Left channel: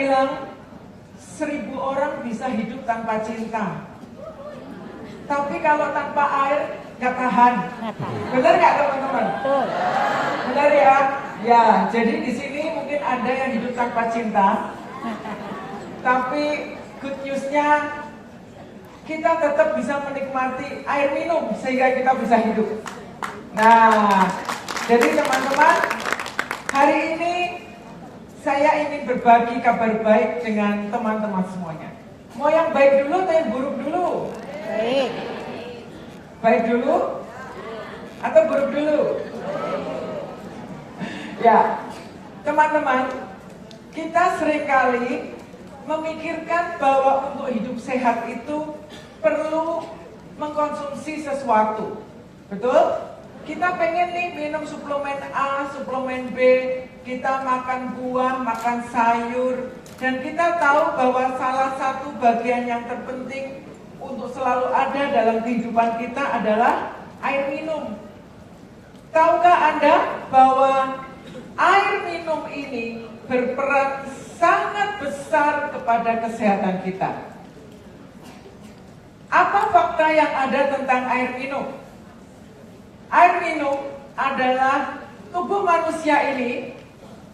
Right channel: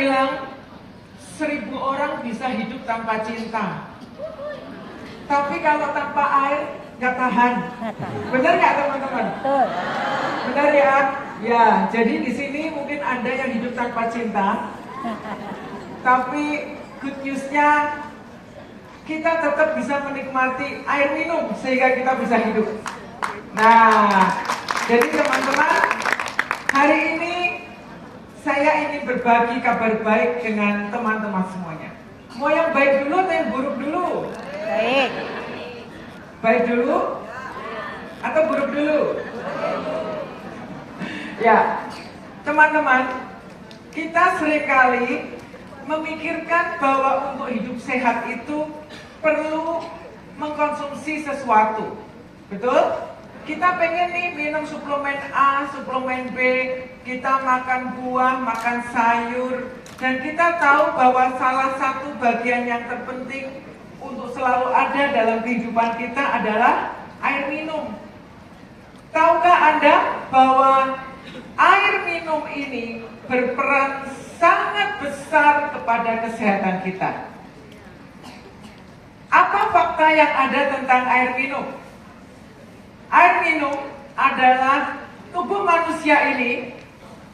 bilang 1000 orang bisa hidup tanpa cinta. Tapi kalau tanpa air nggak tahan. Benar nggak teman-teman? Benar ya? Ya, jadi di sini mungkin ada yang hidup tanpa cinta. Tapi good news-nya kita tetap bisa menikmati air minum sehingga kita bisa hidup. Nah, jadi teman-teman, hari ini saya ingin berbagi kabar baik dengan teman-teman semuanya. Mau yang baik dulu atau yang buruk dulu? Baik. Baik dulu atau buruk dulu? Ya, teman-teman, kita seringkali memikirkan bahwa untuk hidup sehat itu perlu mengkonsumsi sesuatu. Betul? Kita pengen nih minum suplemen A, suplemen B, kita makan buah, makan sayur, dan kita tahu bahwa salah satu bagian yang terpenting untuk selalu ada dalam kehidupan kita adalah air minum. Tahukah Anda bahwa air minum ini berperan sangat besar kepada kesehatan kita? Apa fakta yang ada tentang air minum? Air minum adalah tubuh manusia ini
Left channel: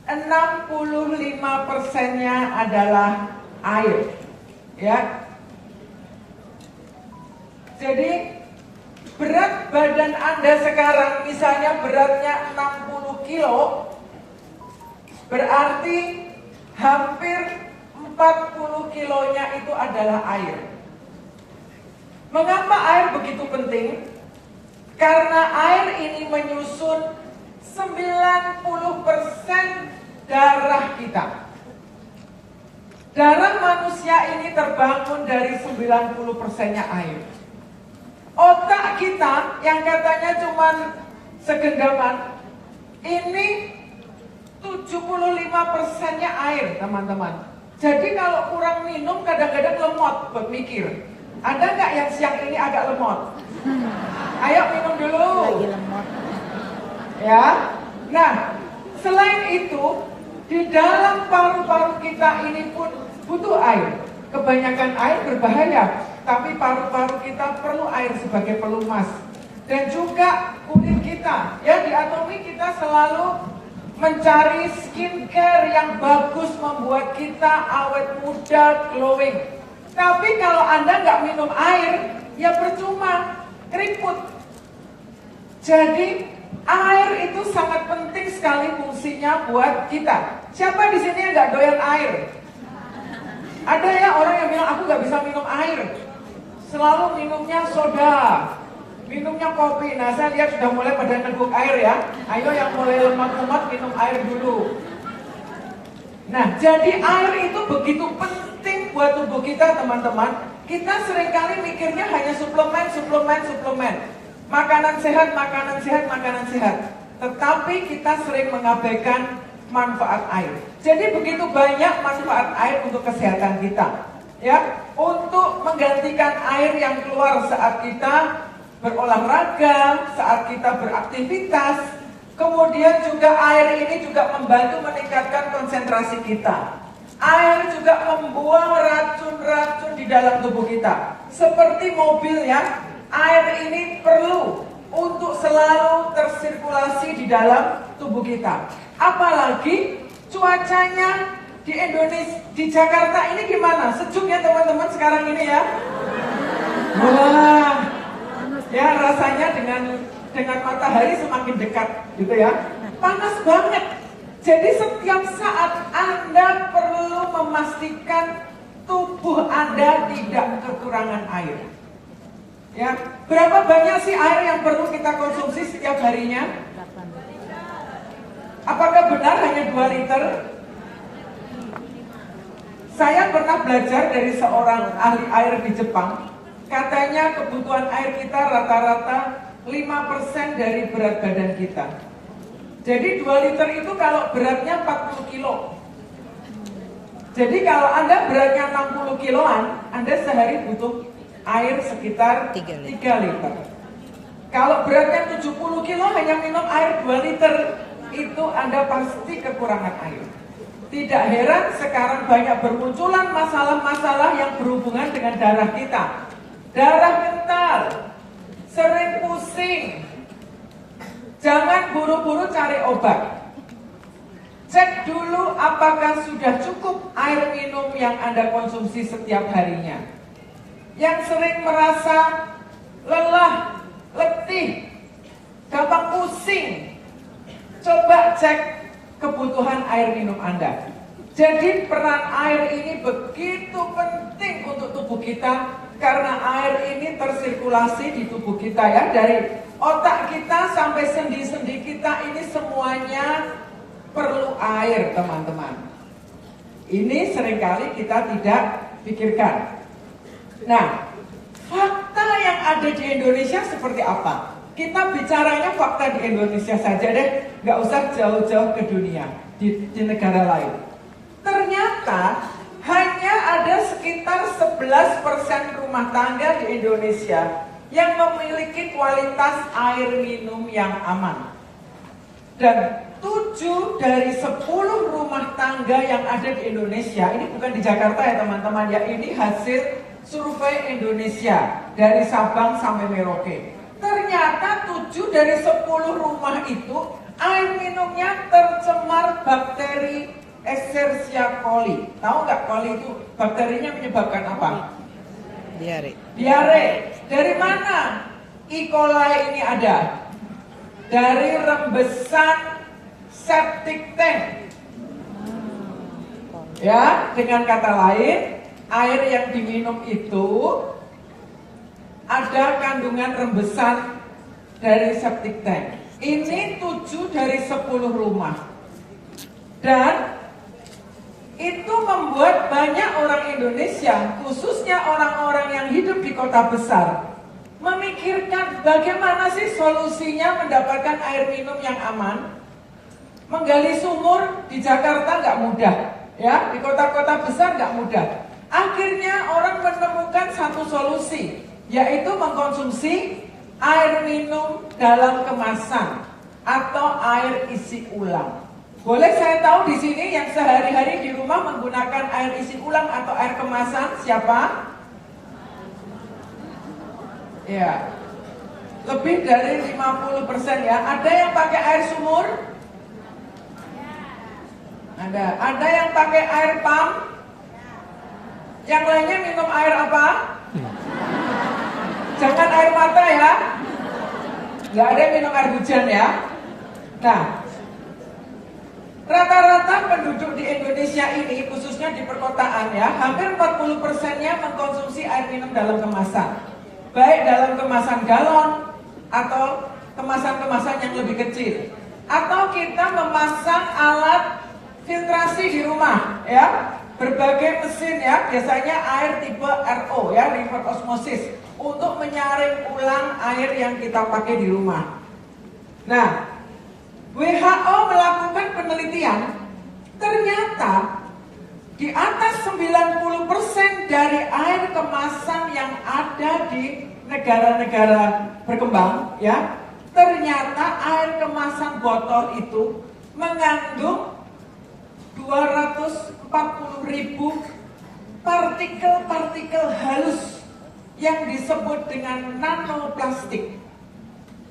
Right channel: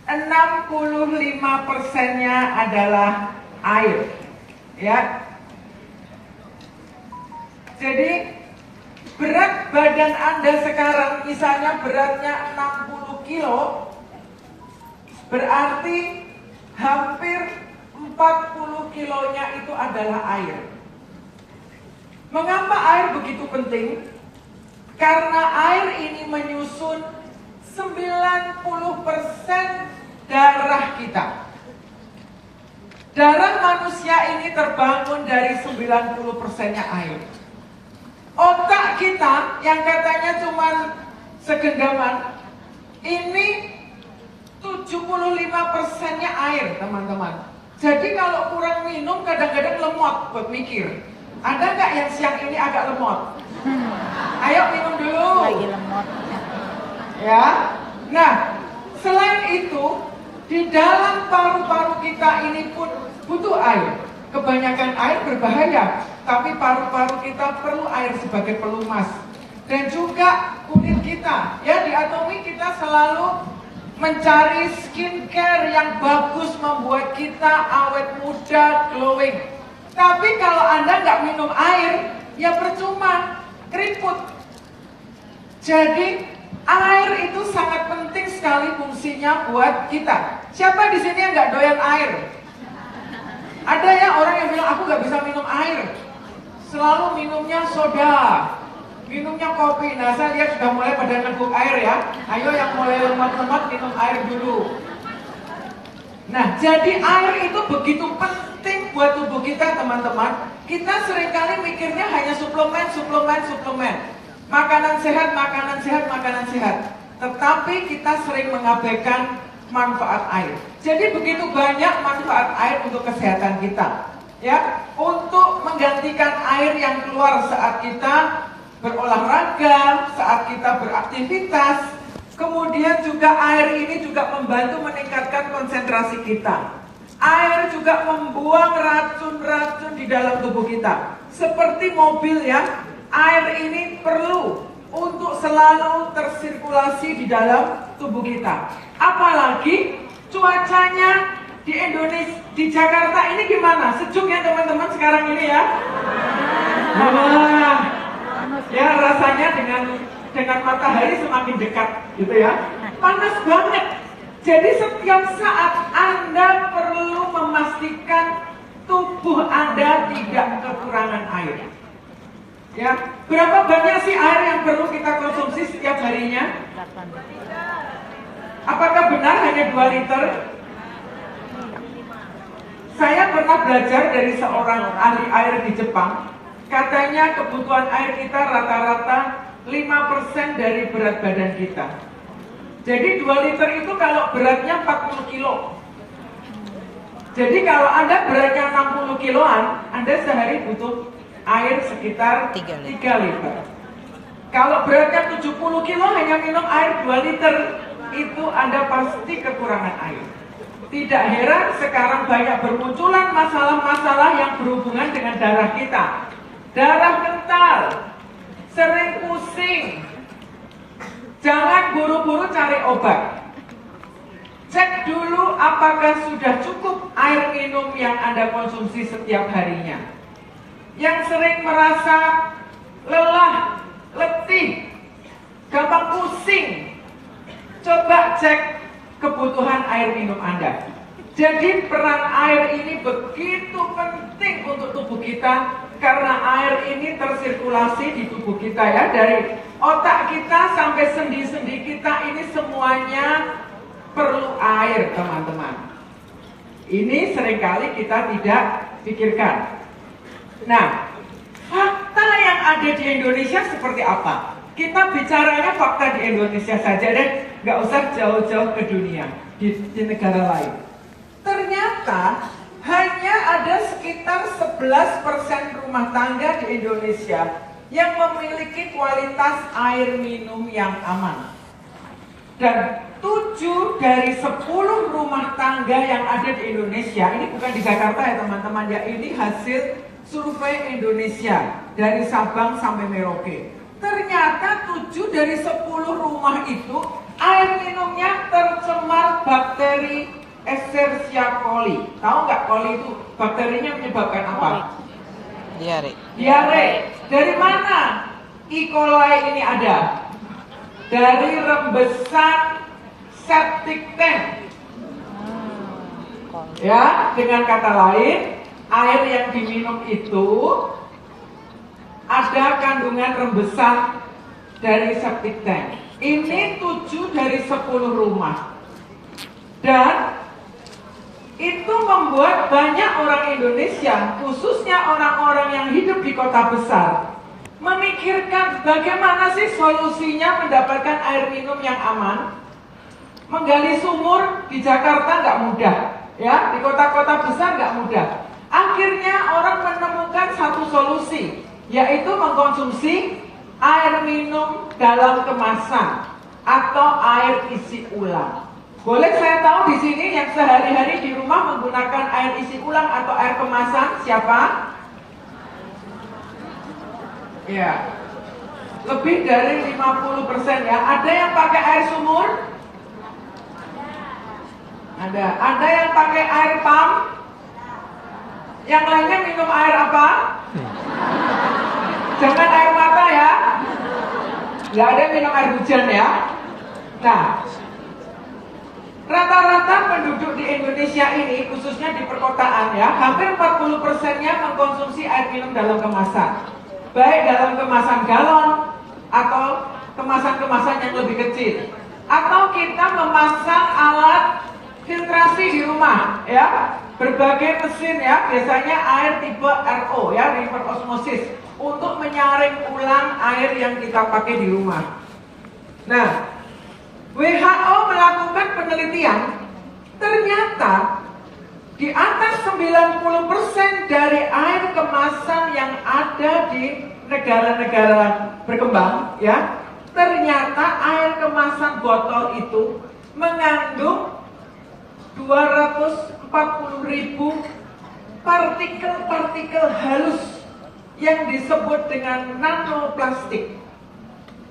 65%-nya adalah air. Ya. Jadi berat badan Anda sekarang misalnya beratnya 60 kilo, berarti hampir 40 kilonya itu adalah air. Mengapa air begitu penting? Karena air ini menyusun 90% darah kita. Darah manusia ini terbangun dari 90%-nya air. Otak kita yang katanya cuma segendaman, ini 75%-nya air, teman-teman. Jadi kalau kurang minum kadang-kadang lemot berpikir. Ada nggak yang siang ini agak lemot? Ayo minum dulu. Lagi lemot. Ya. Nah, selain itu, di dalam paru-paru kita ini pun butuh air. Kebanyakan air berbahaya, tapi paru-paru kita perlu air sebagai pelumas. Dan juga kulit kita. Ya, di Atomi kita selalu mencari skincare yang bagus membuat kita awet muda, glowing. Tapi kalau Anda nggak minum air, ya percuma, keriput. Jadi air itu sangat penting sekali fungsinya buat kita. Siapa di sini yang nggak doyan air? Ada ya orang yang bilang aku nggak bisa minum air, selalu minumnya soda, minumnya kopi. Nah, saya lihat sudah mulai pada neguk air ya. Ayo yang mulai lemot-lemot minum air dulu. Nah, jadi air itu begitu penting buat tubuh kita, teman-teman. Kita seringkali mikirnya hanya suplemen. Makanan sehat. Tetapi kita sering mengabaikan manfaat air. Jadi begitu banyak manfaat air untuk kesehatan kita. Ya, untuk menggantikan air yang keluar saat kita berolahraga, saat kita beraktivitas. Kemudian juga air ini juga membantu meningkatkan konsentrasi kita. Air juga membuang racun-racun di dalam tubuh kita. Seperti mobil ya, air ini perlu untuk selalu tersirkulasi di dalam tubuh kita. Apalagi cuacanya di Indonesia, di Jakarta ini gimana? Sejuk ya teman-teman sekarang ini ya? Wah, ya rasanya dengan matahari semakin dekat gitu ya. Panas banget. Jadi setiap saat Anda perlu memastikan tubuh Anda tidak kekurangan air. Ya, berapa banyak sih air yang perlu kita konsumsi setiap harinya? Apakah benar hanya 2 liter? Saya pernah belajar dari seorang ahli air di Jepang. Katanya kebutuhan air kita rata-rata 5% dari berat badan kita. Jadi 2 liter itu kalau beratnya 40 kilo. Jadi kalau Anda beratnya 60 kiloan, Anda sehari butuh air sekitar 3 liter. Kalau beratnya 70 kilo hanya minum air 2 liter, itu Anda pasti kekurangan air. Tidak heran sekarang banyak bermunculan masalah-masalah yang berhubungan dengan darah kita. Darah kental, sering pusing. Jangan buru-buru cari obat. Cek dulu apakah sudah cukup air minum yang Anda konsumsi setiap harinya. Yang sering merasa lelah, letih, gampang pusing, coba cek kebutuhan air minum Anda. Jadi peran air ini begitu penting untuk tubuh kita, karena air ini tersirkulasi di tubuh kita ya, dari otak kita sampai sendi-sendi kita ini semuanya perlu air, teman-teman. Ini seringkali kita tidak pikirkan. Nah, fakta yang ada di Indonesia seperti apa? Kita bicaranya fakta di Indonesia saja deh, nggak usah jauh-jauh ke dunia, di negara lain. Ternyata hanya ada sekitar 11% rumah tangga di Indonesia yang memiliki kualitas air minum yang aman. Dan 7 dari 10 rumah tangga yang ada di Indonesia, ini bukan di Jakarta ya teman-teman ya, ini hasil survei Indonesia dari Sabang sampai Merauke. Ternyata 7 dari 10 rumah itu air minumnya tercemar bakteri Escherichia coli. Tahu nggak coli itu bakterinya menyebabkan apa? Diare. Diare. Dari mana E. coli ini ada? Dari rembesan septic tank. Ya, dengan kata lain, air yang diminum itu ada kandungan rembesan dari septic tank. Ini 7 dari 10 rumah. Dan itu membuat banyak orang Indonesia, khususnya orang-orang yang hidup di kota besar, memikirkan bagaimana sih solusinya mendapatkan air minum yang aman. Menggali sumur di Jakarta nggak mudah, ya, di kota-kota besar nggak mudah. Akhirnya orang menemukan satu solusi, yaitu mengkonsumsi air minum dalam kemasan atau air isi ulang. Boleh saya tahu di sini yang sehari-hari di rumah menggunakan air isi ulang atau air kemasan siapa? Ya, lebih dari 50% ya. Ada yang pakai air sumur? Ada. Ada yang pakai air pump? Yang lainnya minum air apa? Jangan air mata ya. Nggak ada yang minum air hujan ya. Nah, rata-rata penduduk di Indonesia ini, khususnya di perkotaan ya, hampir 40%-nya mengkonsumsi air minum dalam kemasan. Baik dalam kemasan galon atau kemasan-kemasan yang lebih kecil. Atau kita memasang alat filtrasi di rumah ya. Berbagai mesin ya, biasanya air tipe RO ya, reverse osmosis, untuk menyaring ulang air yang kita pakai di rumah. Nah, WHO melakukan penelitian, ternyata di atas 90% dari air kemasan yang ada di negara-negara berkembang ya, ternyata air kemasan botol itu mengandung 240.000 partikel-partikel halus yang disebut dengan nanoplastik.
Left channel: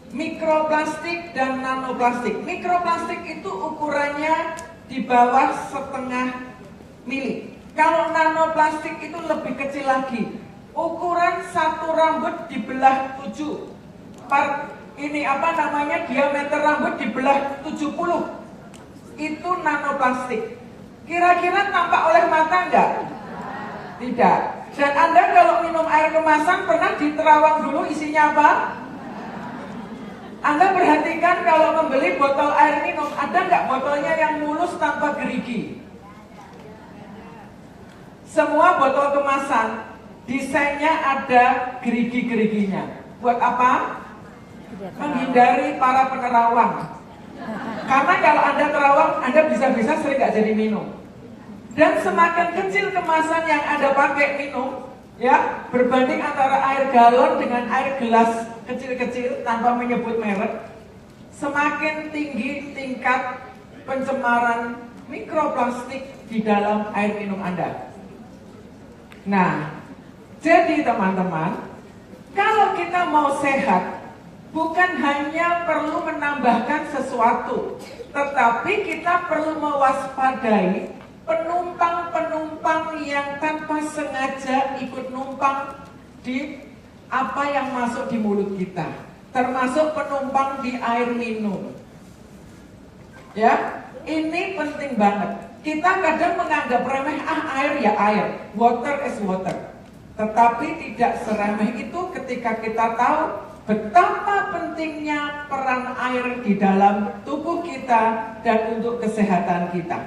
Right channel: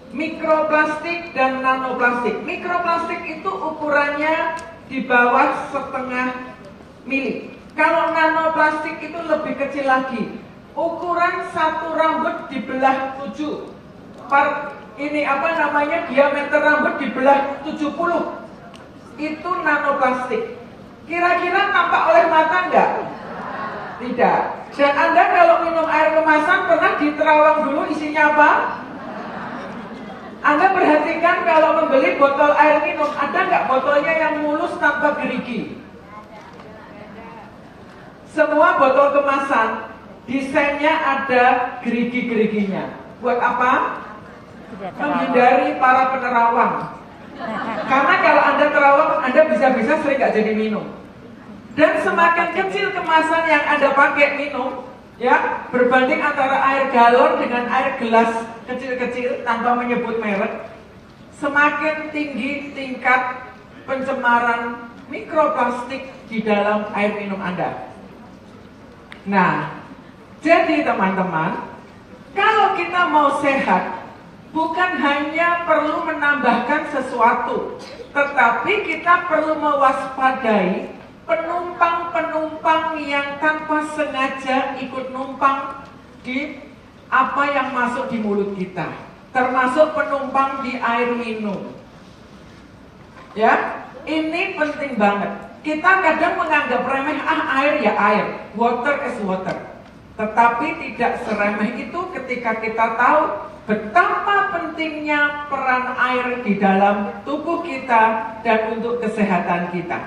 Mikroplastik dan nanoplastik. Mikroplastik itu ukurannya di bawah 0,5 mili. Kalau nanoplastik itu lebih kecil lagi. Ukuran satu rambut dibelah 7. Diameter rambut dibelah 70. Itu nanoplastik. Kira-kira tampak oleh mata enggak? Tidak. Dan Anda kalau minum air kemasan pernah diterawang dulu isinya apa? Anda perhatikan kalau membeli botol air minum, ada nggak botolnya yang mulus tanpa gerigi? Semua botol kemasan desainnya ada gerigi-geriginya. Buat apa? Menghindari para penerawang. Karena kalau Anda terawang, Anda bisa-bisa sering nggak jadi minum. Dan semakin kecil kemasan yang Anda pakai minum, ya, berbanding antara air galon dengan air gelas kecil-kecil tanpa menyebut merek, semakin tinggi tingkat pencemaran mikroplastik di dalam air minum Anda. Nah, jadi teman-teman, kalau kita mau sehat, bukan hanya perlu menambahkan sesuatu, tetapi kita perlu mewaspadai penumpang-penumpang yang tanpa sengaja ikut numpang di apa yang masuk di mulut kita, termasuk penumpang di air minum. Ya, ini penting banget. Kita kadang menganggap remeh, air ya air, water is water. Tetapi tidak seremeh itu ketika kita tahu betapa pentingnya peran air di dalam tubuh kita dan untuk kesehatan kita.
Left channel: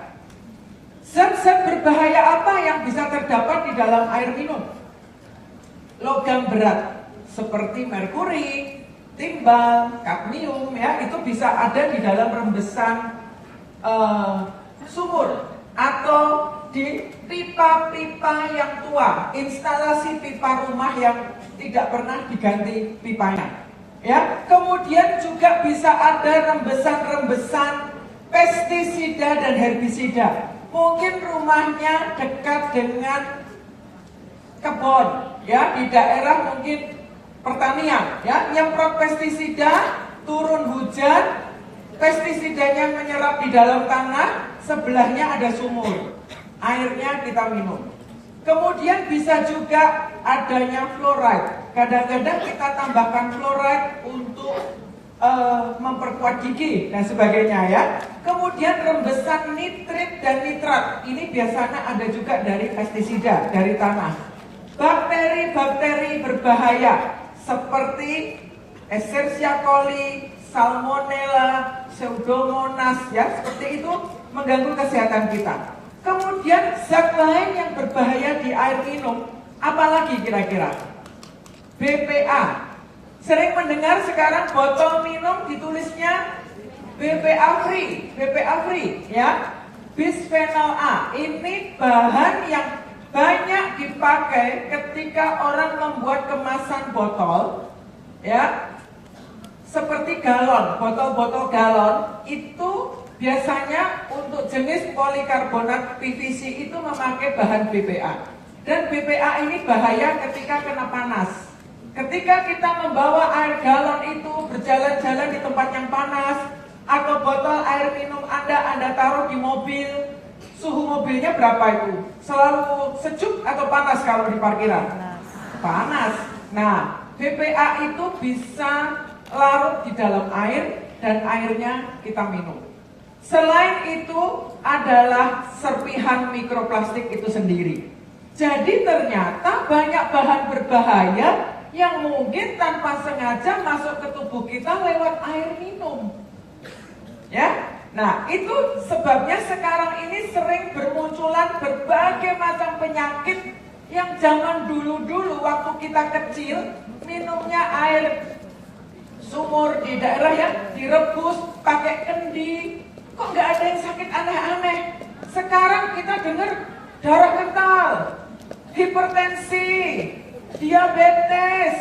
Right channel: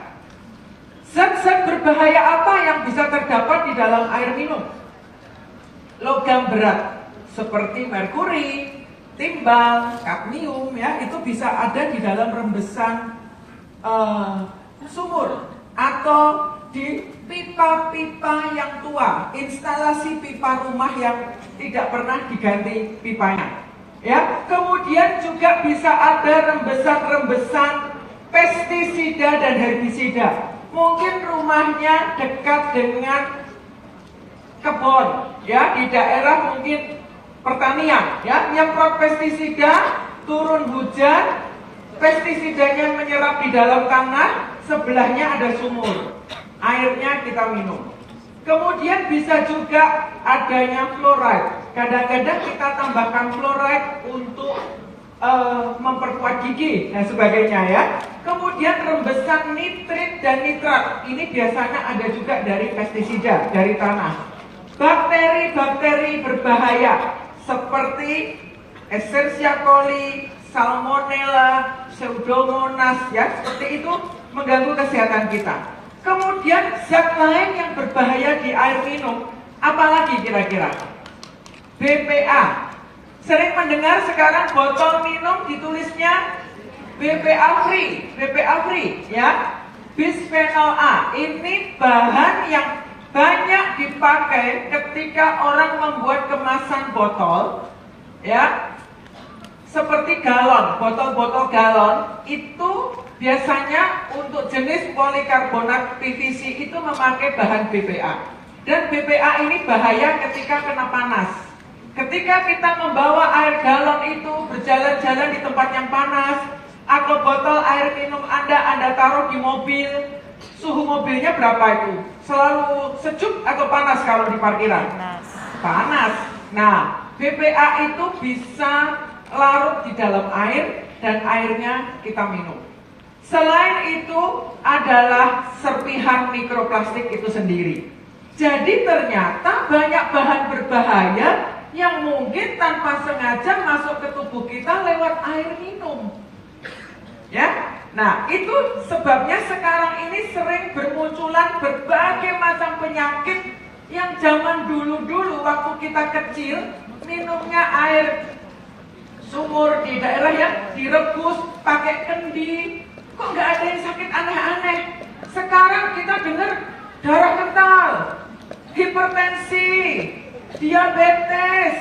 Zat-zat berbahaya apa yang bisa terdapat di dalam air minum? Logam berat seperti merkuri, timbal, kadmium, ya, itu bisa ada di dalam rembesan sumur atau di pipa-pipa yang tua, instalasi pipa rumah yang tidak pernah diganti pipanya. Ya, kemudian juga bisa ada rembesan-rembesan pestisida dan herbisida. Mungkin rumahnya dekat dengan kebun, ya, di daerah mungkin pertanian, ya, nyemprot pestisida, turun hujan, pestisidanya menyerap di dalam tanah, sebelahnya ada sumur, airnya kita minum. Kemudian bisa juga adanya fluoride. Kadang-kadang kita tambahkan fluoride untuk memperkuat gigi dan sebagainya, ya. Kemudian rembesan nitrit dan nitrat, ini biasanya ada juga dari pestisida, dari tanah. Bakteri-bakteri berbahaya seperti Escherichia coli, Salmonella, Pseudomonas, ya, seperti itu mengganggu kesehatan kita. Kemudian zat lain yang berbahaya di air minum, apalagi kira-kira? BPA. Sering mendengar sekarang botol minum ditulisnya BPA free, ya. Bisphenol A. Ini bahan yang banyak dipakai ketika orang membuat kemasan botol, ya. Seperti galon, botol-botol galon itu biasanya untuk jenis polikarbonat PVC itu memakai bahan BPA. Dan BPA ini bahaya ketika kena panas. Ketika kita membawa air galon itu berjalan-jalan di tempat yang panas, atau botol air minum Anda taruh di mobil, suhu mobilnya berapa itu? Selalu sejuk atau panas kalau di parkiran? Panas. Nah, BPA itu bisa larut di dalam air dan airnya kita minum. Selain itu adalah serpihan mikroplastik itu sendiri. Jadi ternyata banyak bahan berbahaya yang mungkin tanpa sengaja masuk ke tubuh kita lewat air minum. Ya, nah itu sebabnya sekarang ini sering bermunculan berbagai macam penyakit yang zaman dulu-dulu waktu kita kecil minumnya air sumur di daerah yang direbus pakai kendi, kok nggak ada yang sakit aneh-aneh. Sekarang kita dengar darah kental, hipertensi, diabetes,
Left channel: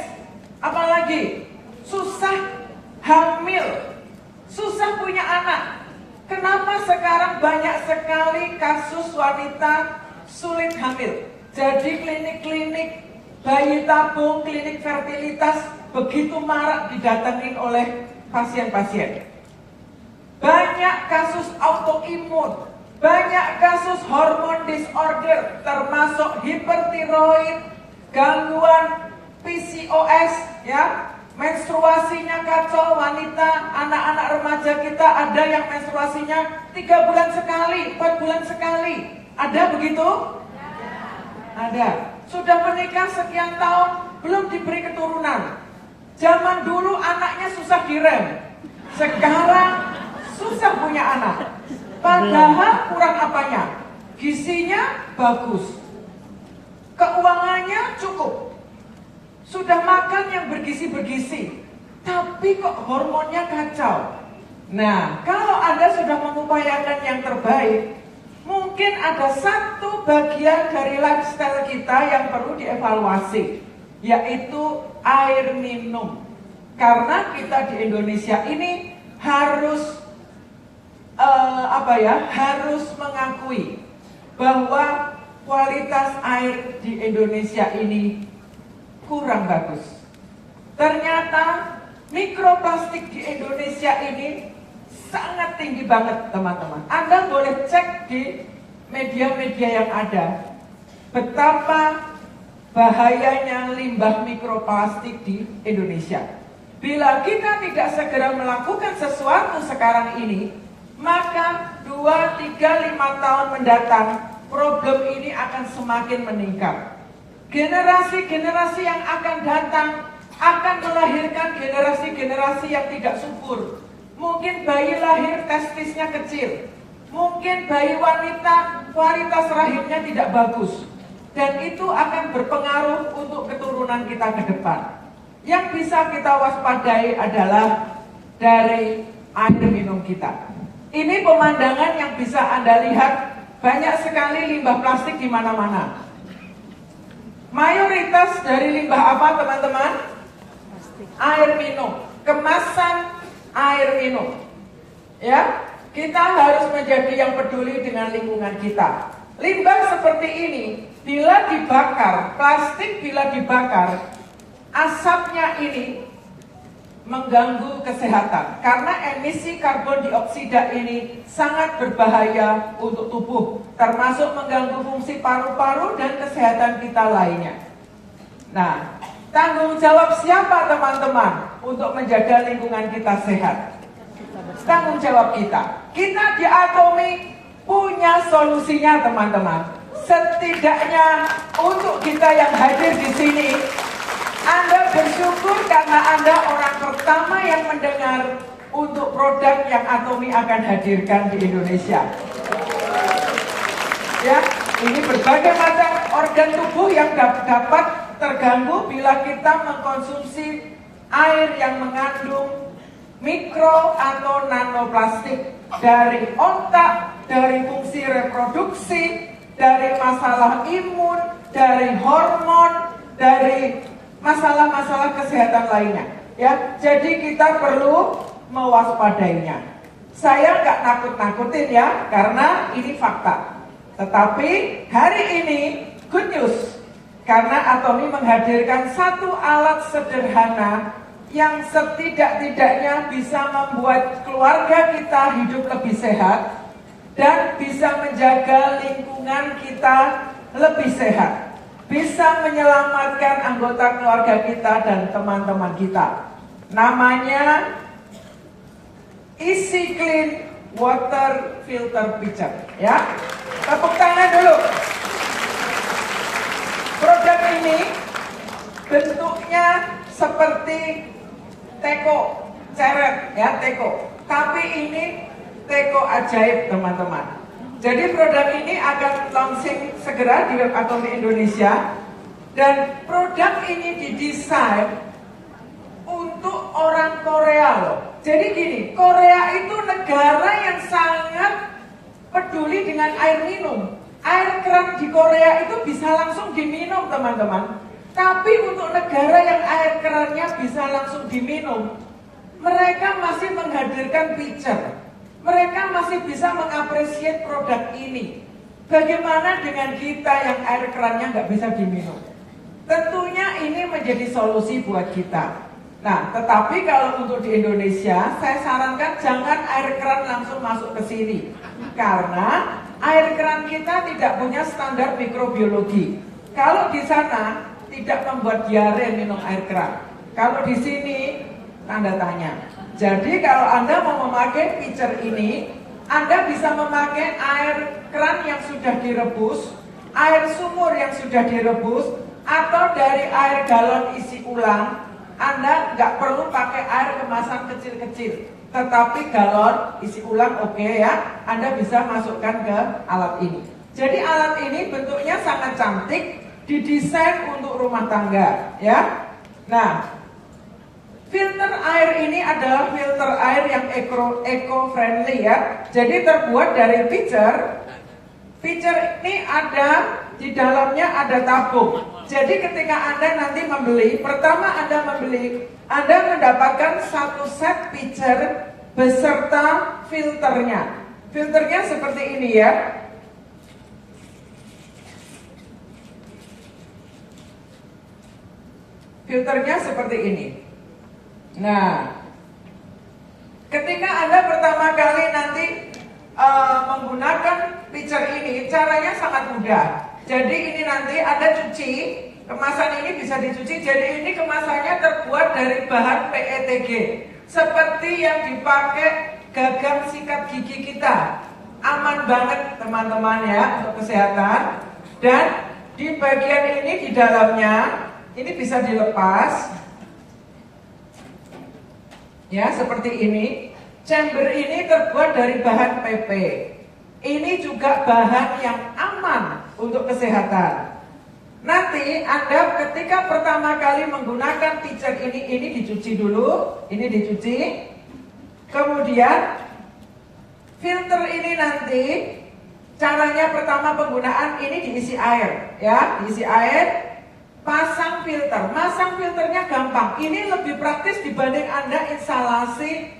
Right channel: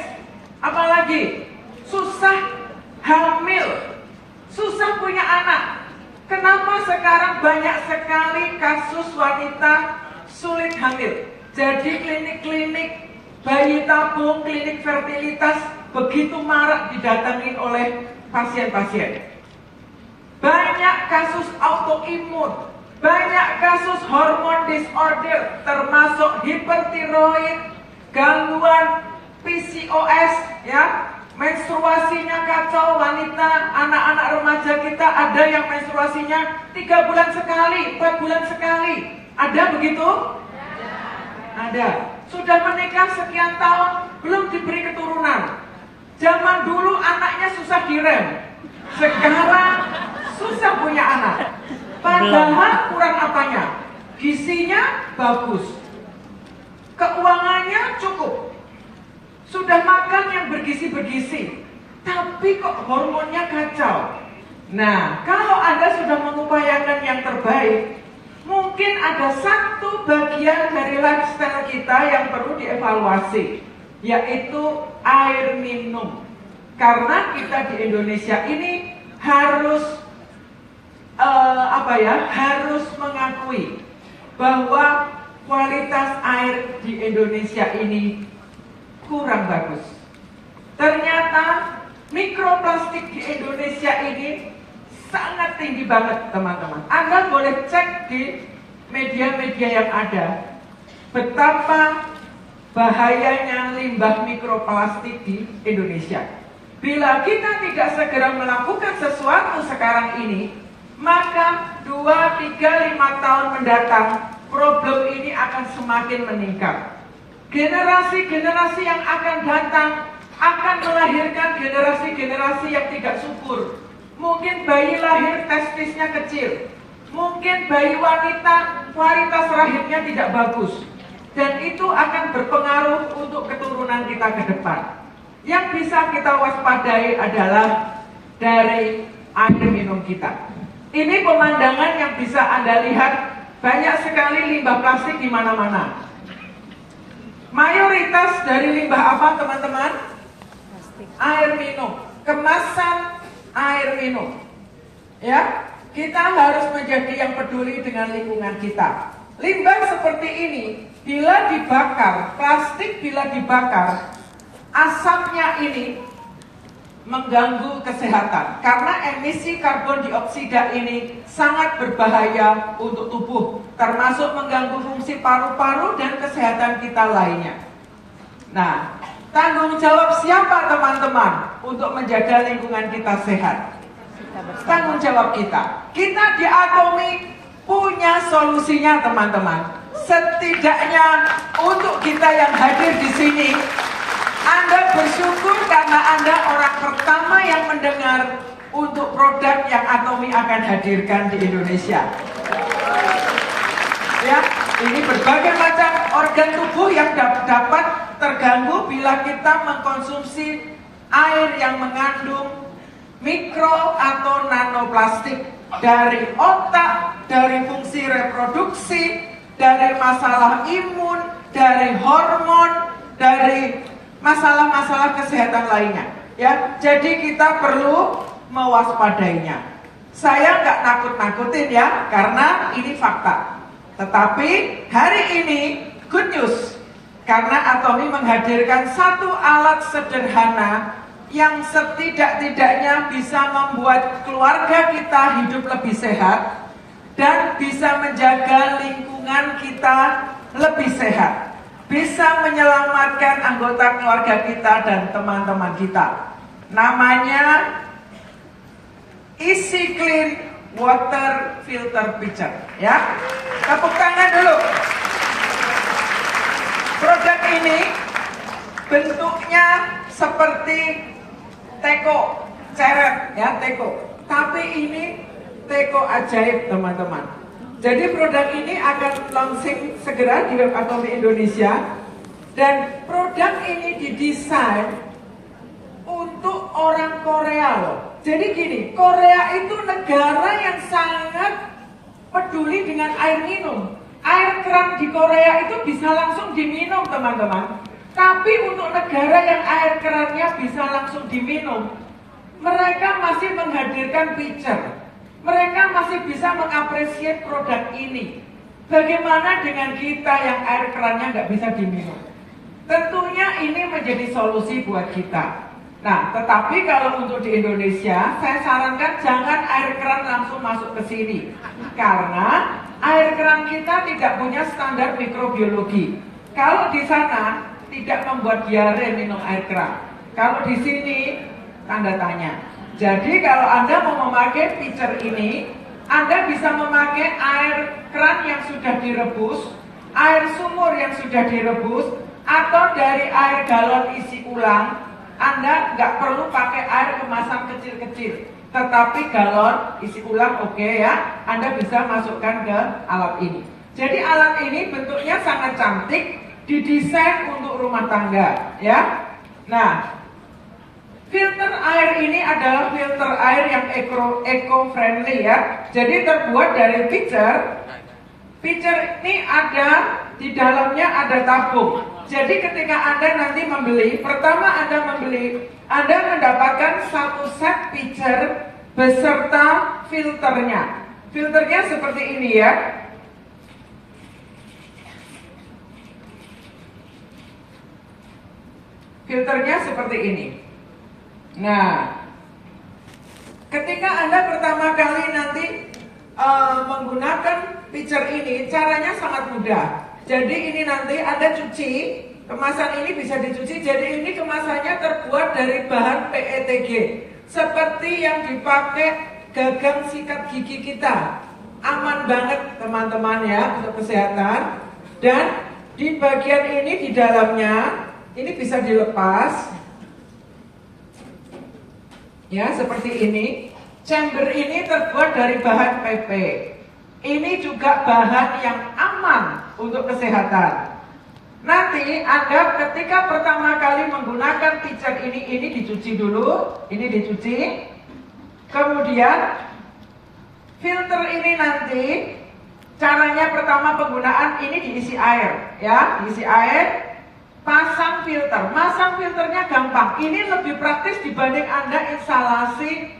apalagi susah hamil, susah punya anak. Kenapa sekarang banyak sekali kasus wanita sulit hamil? Jadi klinik-klinik bayi tabung, klinik fertilitas begitu marak didatengin oleh pasien-pasien. Banyak kasus autoimun, banyak kasus hormon disorder, termasuk hipertiroid, gangguan PCOS, ya, menstruasinya kacau wanita, anak-anak remaja kita ada yang menstruasinya 3 bulan sekali, 4 bulan sekali. Ada begitu? Ada. Sudah menikah sekian tahun, belum diberi keturunan. Zaman dulu anaknya susah direm, sekarang susah punya anak. Padahal kurang apanya? Gizinya bagus, keuangannya cukup, sudah makan yang bergizi-bergizi, tapi kok hormonnya kacau. Nah, kalau Anda sudah mengupayakan yang terbaik, mungkin ada satu bagian dari lifestyle kita yang perlu dievaluasi, yaitu air minum. Karena kita di Indonesia ini harus harus mengakui bahwa kualitas air di Indonesia ini kurang bagus. Ternyata mikroplastik di Indonesia ini sangat tinggi banget, teman-teman. Anda boleh cek di media-media yang ada betapa bahayanya limbah mikroplastik di Indonesia. Bila kita tidak segera melakukan sesuatu sekarang ini, maka 2, 3, 5 tahun mendatang problem ini akan semakin meningkat. Generasi-generasi yang akan datang akan melahirkan generasi-generasi yang tidak subur. Mungkin bayi lahir testisnya kecil, mungkin bayi wanita kualitas rahimnya tidak bagus, dan itu akan berpengaruh untuk keturunan kita ke depan. Yang bisa kita waspadai adalah dari air minum kita. Ini pemandangan yang bisa Anda lihat, banyak sekali limbah plastik di mana-mana. Mayoritas dari limbah apa, teman-teman? Air minum, kemasan air minum. Ya, kita harus menjadi yang peduli dengan lingkungan kita. Limbah seperti ini, bila dibakar, plastik bila dibakar, asapnya ini mengganggu kesehatan karena emisi karbon dioksida ini sangat berbahaya untuk tubuh, termasuk mengganggu fungsi paru-paru dan kesehatan kita lainnya. Nah, tanggung jawab siapa, teman-teman, untuk menjaga lingkungan kita sehat? Tanggung jawab kita. Kita di Atomi punya solusinya, teman-teman. Setidaknya untuk kita yang hadir di sini, Anda bersyukur karena Anda orang pertama yang mendengar untuk produk yang Atomi akan hadirkan di Indonesia. Ya, ini berbagai macam organ tubuh yang dapat terganggu bila kita mengkonsumsi air yang mengandung mikro atau nanoplastik, dari otak, dari fungsi reproduksi, dari masalah imun, dari hormon, dari masalah-masalah kesehatan lainnya. Ya, jadi kita perlu mewaspadainya. Saya nggak nakut-nakutin ya, karena ini fakta. Tetapi hari ini good news, karena Atomi menghadirkan satu alat sederhana yang setidak-tidaknya bisa membuat keluarga kita hidup lebih sehat dan bisa menjaga lingkungan kita lebih sehat, bisa menyelamatkan anggota keluarga kita dan teman-teman kita. Namanya Easy Clean Water Filter Pitcher. Ya, tepuk tangan dulu. Produk ini bentuknya seperti teko, ceret ya, teko. Tapi ini teko ajaib, teman-teman. Jadi produk ini akan launching segera di Web Atomi Indonesia. Dan produk ini didesain untuk orang Korea loh. Jadi gini, Korea itu negara yang sangat peduli dengan air minum. Air keran di Korea itu bisa langsung diminum, teman-teman. Tapi untuk negara yang air kerannya bisa langsung diminum, mereka masih menghadirkan pitcher. Mereka masih bisa mengapresiasi produk ini. Bagaimana dengan kita yang air kerannya nggak bisa diminum? Tentunya ini menjadi solusi buat kita. Nah, tetapi kalau untuk di Indonesia, saya sarankan jangan air keran langsung masuk ke sini. Karena air keran kita tidak punya standar mikrobiologi. Kalau di sana tidak membuat diare minum air keran. Kalau di sini tanda tanya. Jadi kalau Anda mau memakai pitcher ini, Anda bisa memakai air keran yang sudah direbus, air sumur yang sudah direbus, atau dari air galon isi ulang. Anda nggak perlu pakai air kemasan kecil-kecil, tetapi galon isi ulang oke ya, Anda bisa masukkan ke alat ini. Jadi alat ini bentuknya sangat cantik, didesain untuk rumah tangga ya. Nah, filter air ini adalah filter air yang eco-friendly ya. Jadi terbuat dari pitcher. Pitcher ini ada di dalamnya ada tabung. Jadi ketika Anda nanti membeli, pertama Anda membeli, Anda mendapatkan satu set pitcher beserta filternya. filternya seperti ini ya. Filternya seperti ini. Nah, ketika Anda pertama kali nanti menggunakan pitcher ini, caranya sangat mudah. Jadi ini nanti Anda cuci, kemasan ini bisa dicuci. Jadi ini kemasannya terbuat dari bahan PETG, seperti yang dipakai gagang sikat gigi kita. Aman banget teman-teman ya untuk kesehatan. Dan di bagian ini di dalamnya ini bisa dilepas. Ya, seperti ini. Chamber ini terbuat dari bahan PP. Ini juga bahan yang aman untuk kesehatan. Nanti Anda ketika pertama kali menggunakan pitcher ini dicuci dulu. Ini dicuci. Kemudian filter ini nanti caranya pertama penggunaan ini diisi air. Ya, diisi air. Pasang filter. Masang filternya gampang. Ini lebih praktis dibanding Anda instalasi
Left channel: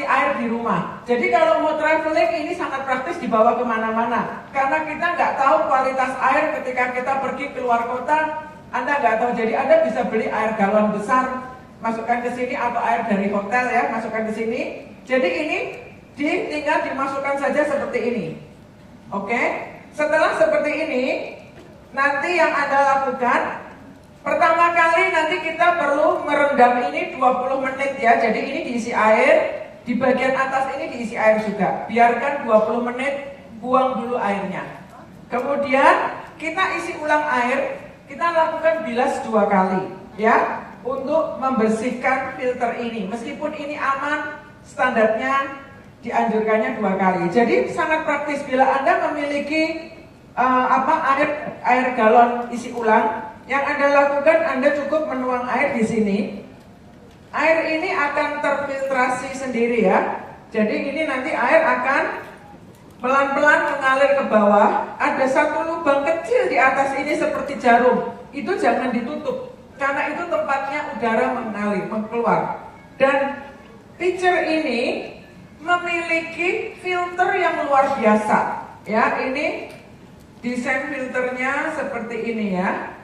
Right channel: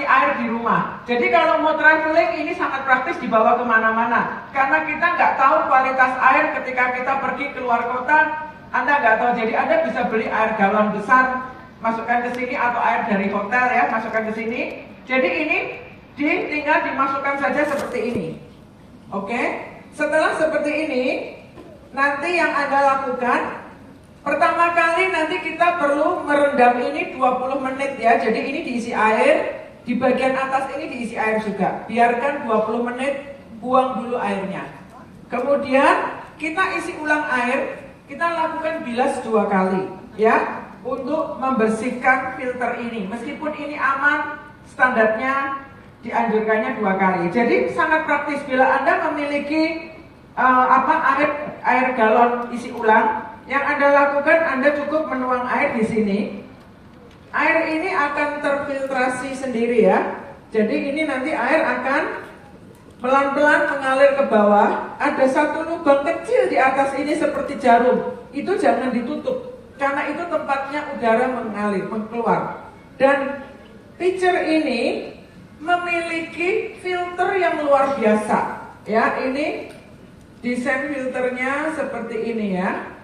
air di rumah. Jadi kalau mau traveling ini sangat praktis dibawa kemana-mana. Karena kita nggak tahu kualitas air ketika kita pergi keluar kota. Anda nggak tahu. Jadi Anda bisa beli air galon besar, masukkan ke sini, atau air dari hotel ya, masukkan ke sini. Jadi ini tinggal dimasukkan saja seperti ini. Oke. Setelah seperti ini, nanti yang Anda lakukan, pertama kali nanti kita perlu merendam ini 20 menit ya. Jadi ini diisi air, di bagian atas ini diisi air juga. Biarkan 20 menit, buang dulu airnya. Kemudian kita isi ulang air, kita lakukan bilas 2 kali ya, untuk membersihkan filter ini. Meskipun ini aman, standarnya dianjurkannya 2 kali. Jadi sangat praktis bila Anda memiliki air galon isi ulang. Yang Anda lakukan, Anda cukup menuang air di sini. Air ini akan terfiltrasi sendiri ya. Jadi ini nanti air akan pelan-pelan mengalir ke bawah. Ada satu lubang kecil di atas ini seperti jarum. Itu jangan ditutup, karena itu tempatnya udara mengalir, keluar. Dan pitcher ini memiliki filter yang luar biasa. Ya, ini desain filternya seperti ini ya.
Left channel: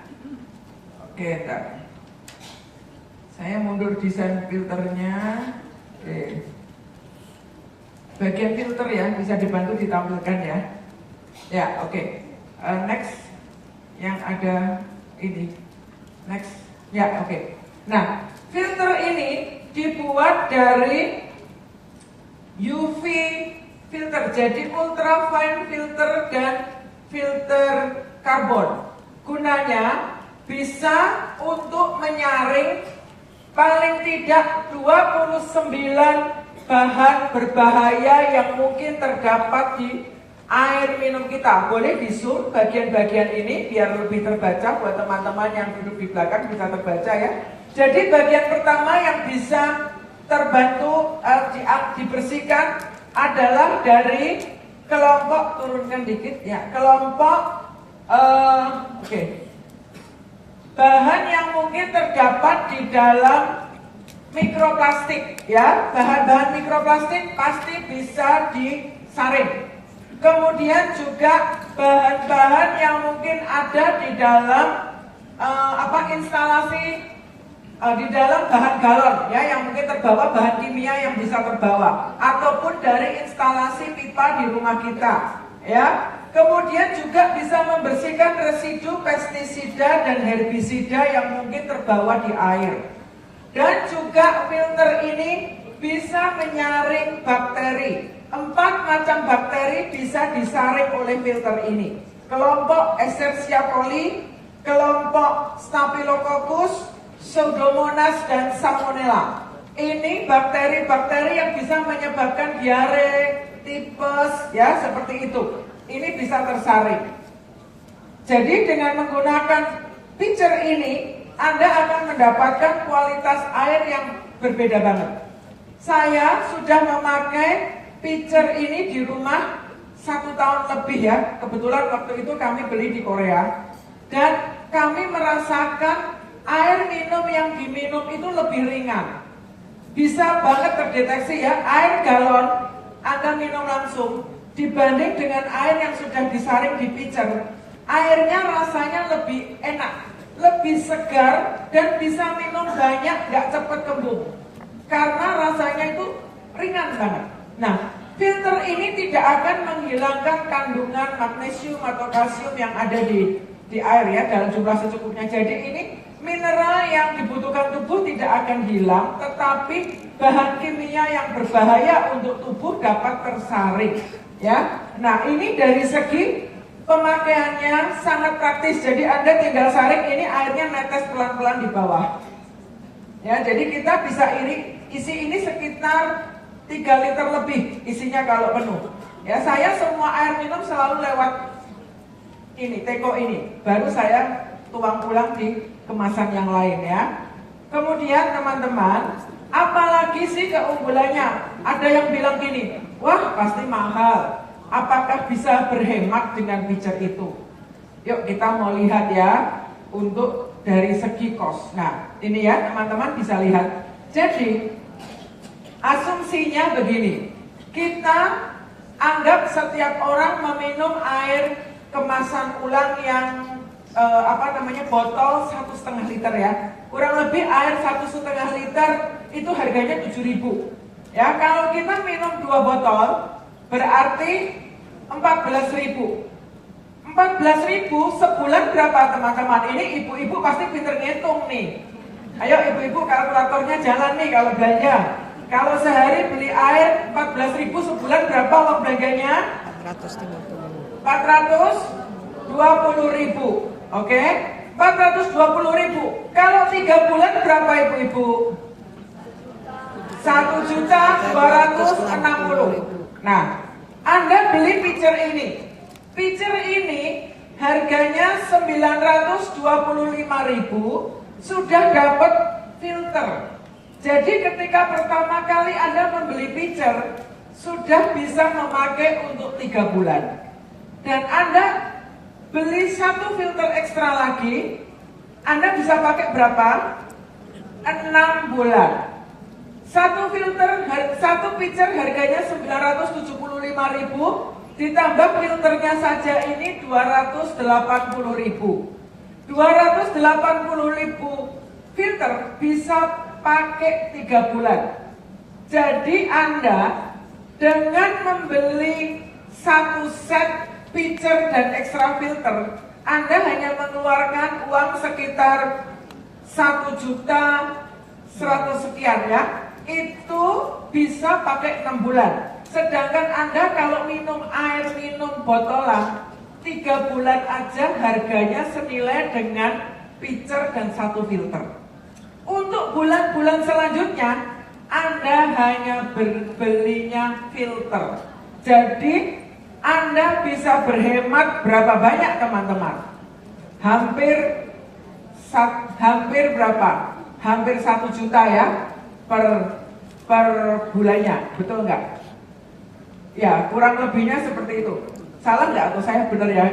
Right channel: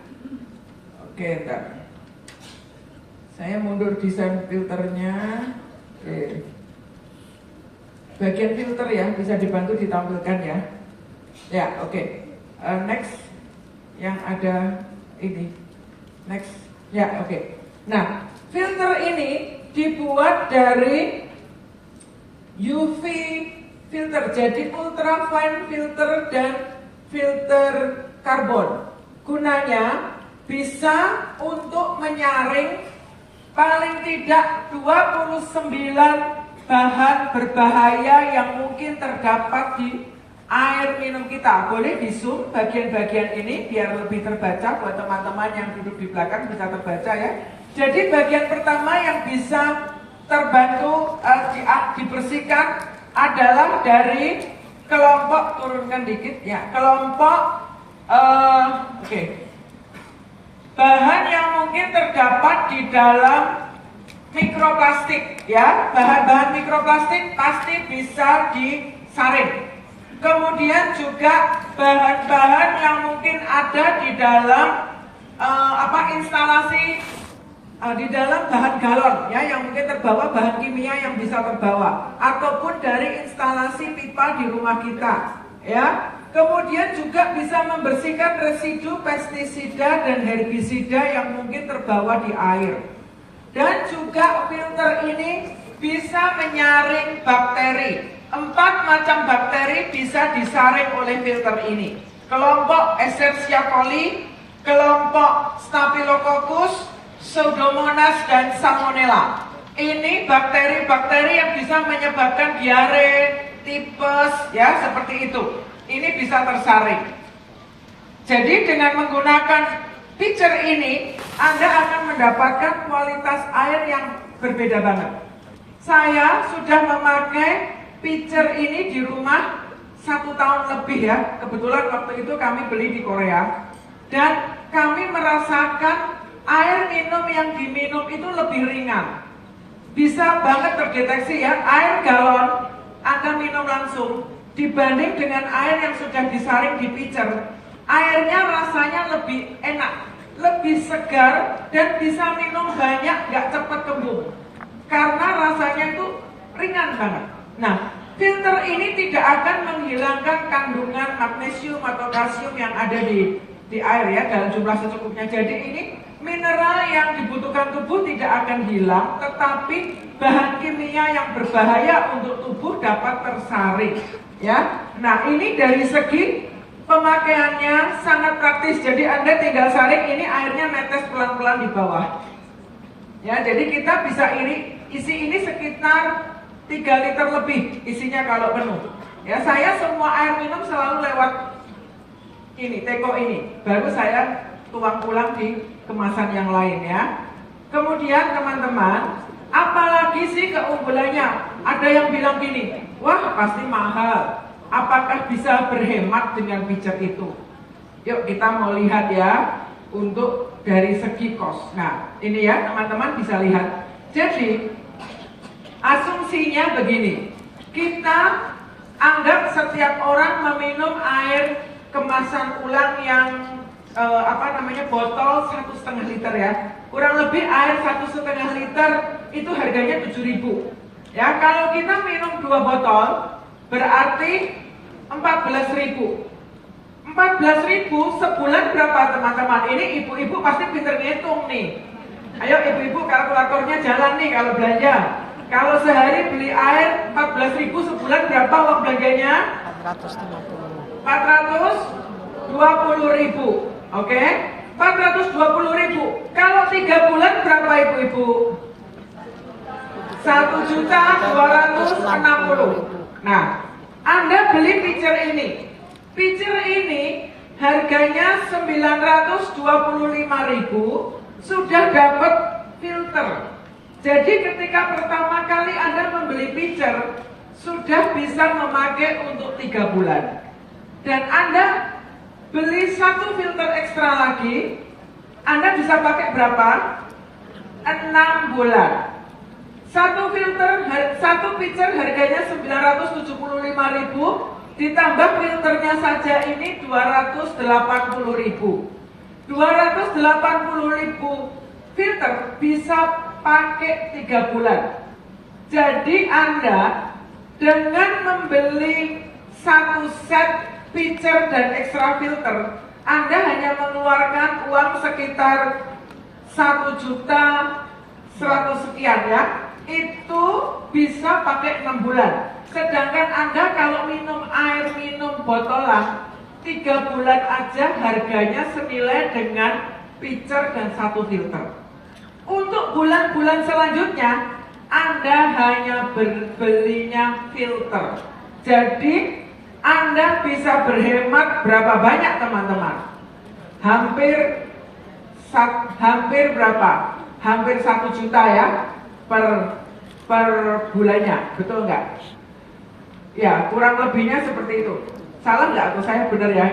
Oke, entar. Saya mundur desain filternya. Oke. Bagian filter ya, bisa dibantu ditampilkan ya. Ya, oke. Next, yang ada ini. Next, ya, oke. Nah, filter ini dibuat dari UV filter, jadi ultrafine filter dan filter karbon. Gunanya bisa untuk menyaring paling tidak 29 bahan berbahaya yang mungkin terdapat di air minum kita. Boleh di zoom bagian-bagian ini biar lebih terbaca buat teman-teman yang duduk di belakang, bisa terbaca ya. Jadi bagian pertama yang bisa terbantu dibersihkan adalah dari kelompok, turunkan dikit ya, kelompok bahan yang mungkin terdapat di dalam mikroplastik ya. Bahan-bahan mikroplastik pasti bisa disaring. Kemudian juga bahan-bahan yang mungkin ada di dalam instalasi di dalam bahan galon ya, yang mungkin terbawa, bahan kimia yang bisa terbawa, ataupun dari instalasi pipa di rumah kita ya. Kemudian juga bisa membersihkan residu pestisida dan herbisida yang mungkin terbawa di air. Dan juga filter ini bisa menyaring bakteri. 4 macam bakteri bisa disaring oleh filter ini. Kelompok Escherichia coli, kelompok Staphylococcus, Pseudomonas, dan Salmonella. Ini bakteri-bakteri yang bisa menyebabkan diare, tipes, ya seperti itu. Ini bisa tersaring. Jadi dengan menggunakan pitcher ini, Anda akan mendapatkan kualitas air yang berbeda banget. Saya sudah memakai pitcher ini di rumah 1 tahun lebih ya. Kebetulan waktu itu kami beli di Korea. Dan kami merasakan air minum yang diminum itu lebih ringan. Bisa banget terdeteksi ya, air galon Anda minum langsung dibanding dengan air yang sudah disaring di pitcher, airnya rasanya lebih enak, lebih segar, dan bisa minum banyak, gak cepet kembung karena rasanya itu ringan banget. Nah, filter ini tidak akan menghilangkan kandungan magnesium atau kalsium yang ada di air ya, dalam jumlah secukupnya. Jadi ini mineral yang dibutuhkan tubuh tidak akan hilang, tetapi bahan kimia yang berbahaya untuk tubuh dapat tersaring ya. Nah, ini dari segi pemakaiannya sangat praktis. Jadi Anda tinggal saring, ini airnya netes pelan-pelan di bawah ya. Jadi kita bisa isi ini sekitar 3 liter lebih isinya kalau penuh ya. Saya semua air minum selalu lewat ini, teko ini, baru saya tuang ulang di kemasan yang lain ya. Kemudian teman-teman, apalagi sih keunggulannya? Ada yang bilang gini, wah pasti mahal, apakah bisa berhemat dengan pitcher itu? Yuk kita mau lihat ya, untuk dari segi cost. Nah ini ya teman-teman bisa lihat. Jadi asumsinya begini, kita anggap setiap orang meminum air kemasan ulang yang botol 1,5 liter ya, kurang lebih air 1,5 liter itu harganya 7.000 ya. Kalau kita minum 2 botol berarti 14.000 sebulan berapa teman-teman? Ini ibu-ibu pasti pinter ngitung nih. Ayo ibu-ibu kalkulatornya jalan nih kalau belanja. Kalau sehari beli air 14.000 sebulan berapa uang belanjanya? 420.000. Oke, 420.000. Kalau 3 bulan berapa ibu-ibu? 1.260.000. Nah, Anda beli pitcher ini. Pitcher ini harganya 925.000, sudah dapat filter. Jadi ketika pertama kali Anda membeli pitcher, sudah bisa memakai untuk 3 bulan. Dan Anda beli 1 filter ekstra lagi, Anda bisa pakai berapa? 6 bulan. 1 pitcher harganya 975.000, ditambah filternya saja ini 280.000. 280.000 filter bisa pakai 3 bulan. Jadi Anda dengan membeli 1 set pitcher dan extra filter, Anda hanya mengeluarkan uang sekitar 1.100.000 sekian ya. Itu bisa pakai 6 bulan. Sedangkan Anda kalau minum air minum botolan 3 bulan aja harganya senilai dengan pitcher dan 1 filter. Untuk bulan-bulan selanjutnya Anda hanya belinya filter. Jadi Anda bisa berhemat berapa banyak teman-teman? Hampir berapa? Hampir 1 juta ya per bulannya, betul nggak? Ya, kurang lebihnya seperti itu. Salah nggak atau saya benar ya?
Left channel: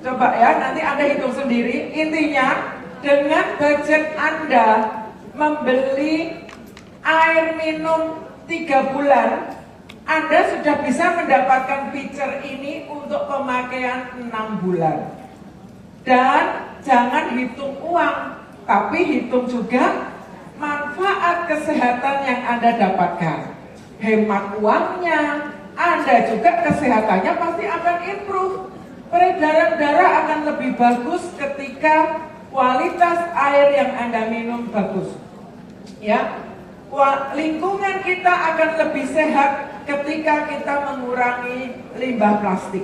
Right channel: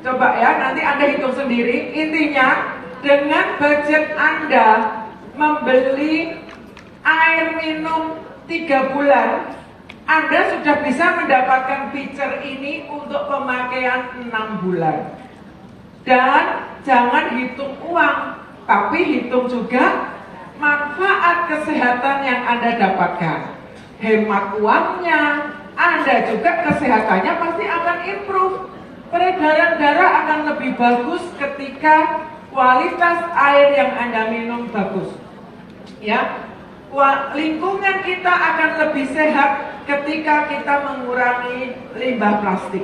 Coba ya, nanti Anda hitung sendiri. Intinya, dengan budget Anda membeli air minum 3 bulan, Anda sudah bisa mendapatkan pitcher ini untuk pemakaian 6 bulan. Dan jangan hitung uang, tapi hitung juga manfaat kesehatan yang Anda dapatkan. Hemat uangnya, Anda juga kesehatannya pasti akan improve. Peredaran darah akan lebih bagus ketika kualitas air yang Anda minum bagus. Ya, lingkungan kita akan lebih sehat ketika kita mengurangi limbah plastik.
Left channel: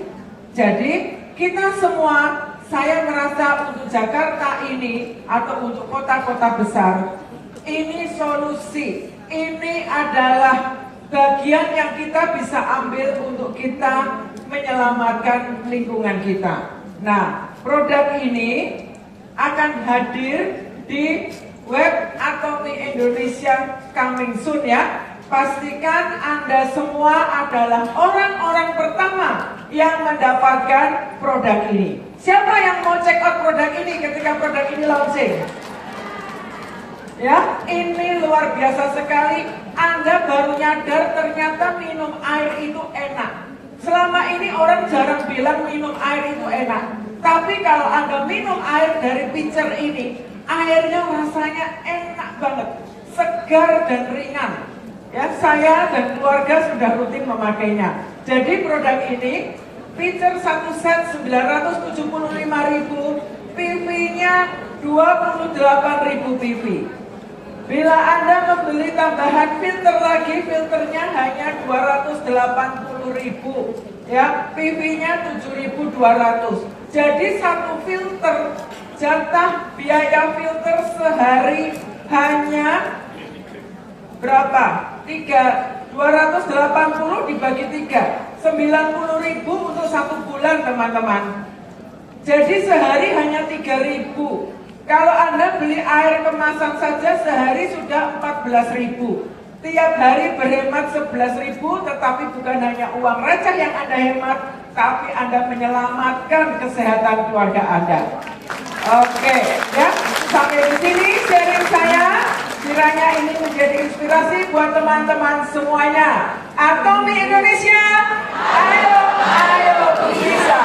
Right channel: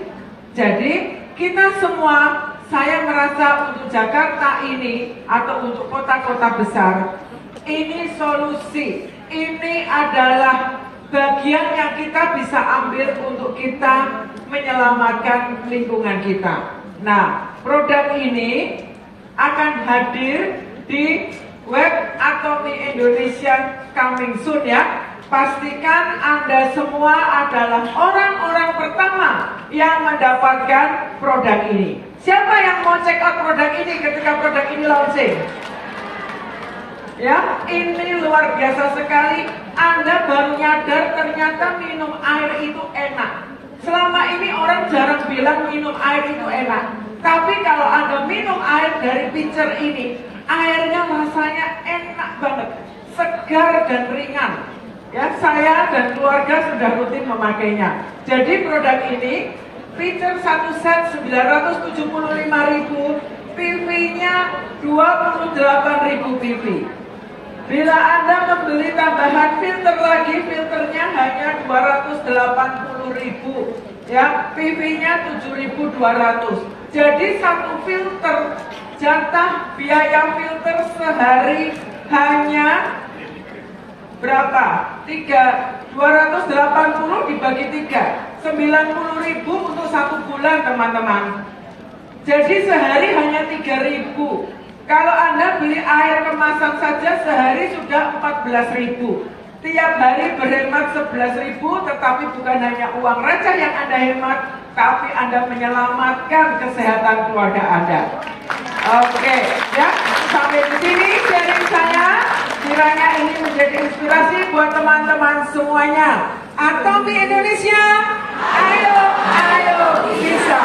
Jadi kita semua, saya merasa untuk Jakarta ini atau untuk kota-kota besar, ini solusi. Ini adalah bagian yang kita bisa ambil untuk kita menyelamatkan lingkungan kita. Nah, produk ini akan hadir di web Atomy Indonesia coming soon ya. Pastikan Anda semua adalah orang-orang pertama yang mendapatkan produk ini. Siapa yang mau check out produk ini ketika produk ini launching? Ya, ini luar biasa sekali. Anda baru nyadar ternyata minum air itu enak. Selama ini orang jarang bilang minum air itu enak. Tapi kalau Anda minum air dari pitcher ini, airnya rasanya enak banget, segar dan ringan. Ya, saya dan keluarga sudah rutin memakainya. Jadi produk ini, pitcher 1 set 975.000, PV-nya 28.000 PV. Bila Anda membeli tambahan filter lagi, filternya hanya 280.000, ya, PV-nya 7.200. Jadi satu filter, jatah biaya filter sehari hanya berapa? 280 dibagi 3, 90.000 untuk 1 bulan, teman-teman. Jadi sehari hanya 3.000. Kalau Anda beli air kemasan saja sehari sudah 14.000. Tiap hari berhemat 11.000, tetapi bukan hanya uang receh yang Anda hemat, tapi Anda menyelamatkan kesehatan keluarga Anda. Oke, ya, sampai di sini sharing saya. Kiranya ini menjadi inspirasi buat teman-teman semuanya. Atomi Indonesia, ayo, ayo bisa.